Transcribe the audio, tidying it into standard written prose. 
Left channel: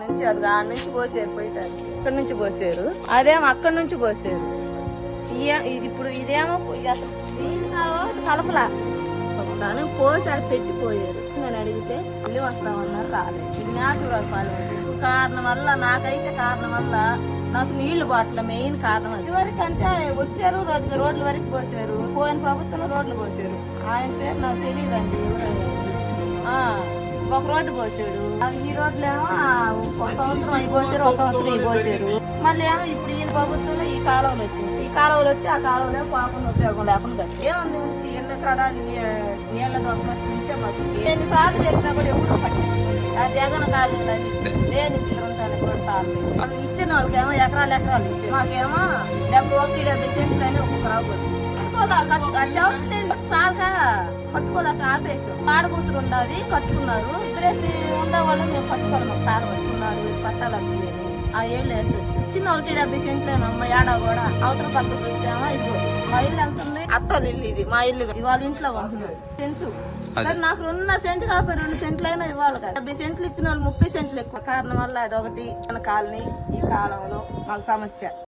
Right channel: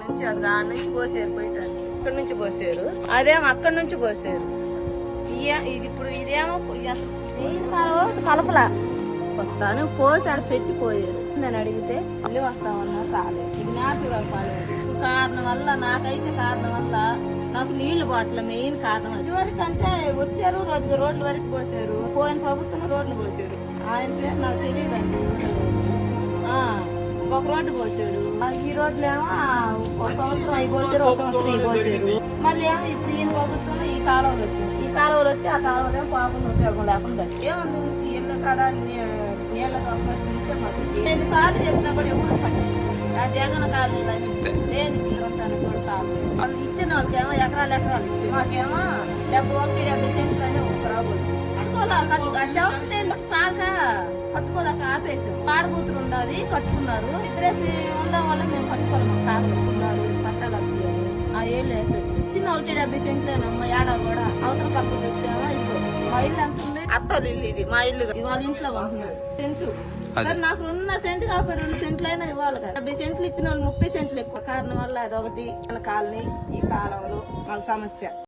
నుంచి అది ఆడ నుంచి పోసారు పోయటానికి, ఇక్కడ నుంచి పోసారు, అదేమో అక్కడి నుంచి పోసారు. ఇది ఇప్పుడు ఇదేమో కలపలా వస్తాను పోసి అని పెట్టిపోయారు. నేను అడిగితే మళ్ళీ వస్తామన్నారు, రాలేదు. ఇది నాటురాలు పాలు కారణం వల్ల, నాకైతే కారణం వల్ల నాకు నీళ్లు బాటల మెయిన్ కారణం. అది వరకు అంటే వచ్చారు రోడ్ల వరకు పోసారు, పోయిన ప్రభుత్వంలో రోడ్లు పోసారు. ఆయన పేరు నాకు తెలియదండి. ఒక రోడ్డు పోసాడు, ఈ రోడ్లు ఏమో ఒక సంవత్సరం అయి పోసారు, ఒక సంవత్సరం అయి పోసారు. మళ్ళీ ఏమో ఇప్పుడు ఈయన ప్రభుత్వంలో ఈ కాలువలు వచ్చింది. ఈ కాలువలు వస్తే ఆ కాలువలో పాపం ఉపయోగం లేకుండా కట్టి ఏముంది ఇళ్ళ కాడ నీళ్ల దోశ తింటే మాకు ఎన్నిసార్లు చెప్పినా కూడా ఎవరు పట్టించుకోండి. ఆ జగన్ కాలేదని దేనికి ఉంటానికి కూడా సార్లు వాళ్ళు ఇచ్చిన వాళ్ళకేమో ఎకరాలు ఇచ్చారు, మాకేమో 70 సెంట్లు అని ఒక రావచ్చు చాలక కట్టుకోలేక ఆపేసాం. ఆడకూతురు ఉండదు కట్టుకున్నారు, ఇద్దరేసి ఉండడం వల్ల మేము కట్టుకోవాలి. మాకు సార్ పట్టుకున్నారు పట్టాలని ఆ ఏళ్ళు వేసి వచ్చి చిన్న 70 సెంట్లేనమ్మా. ఏడా కూడా అవతల పక్కకు వచ్చామో ఇదిగో మా ఇల్లు ఎంత ఉంది, అత్తోరు ఇల్లు ఇది. మా ఇల్లు ఇవాళ ఇంట్లో ఉంటున్నాం సెంటు. మరి నాకు 2 సెంటు కాకపోతే 2 సెంట్లైనా ఇవ్వాలి కదా. 70 సెంట్లు ఇచ్చిన వాళ్ళు 30 సెంట్లు ఎక్కువ కారణం వల్ల అదొకటి. కాలనీ ఈ కాలంలో మాకు సమస్య.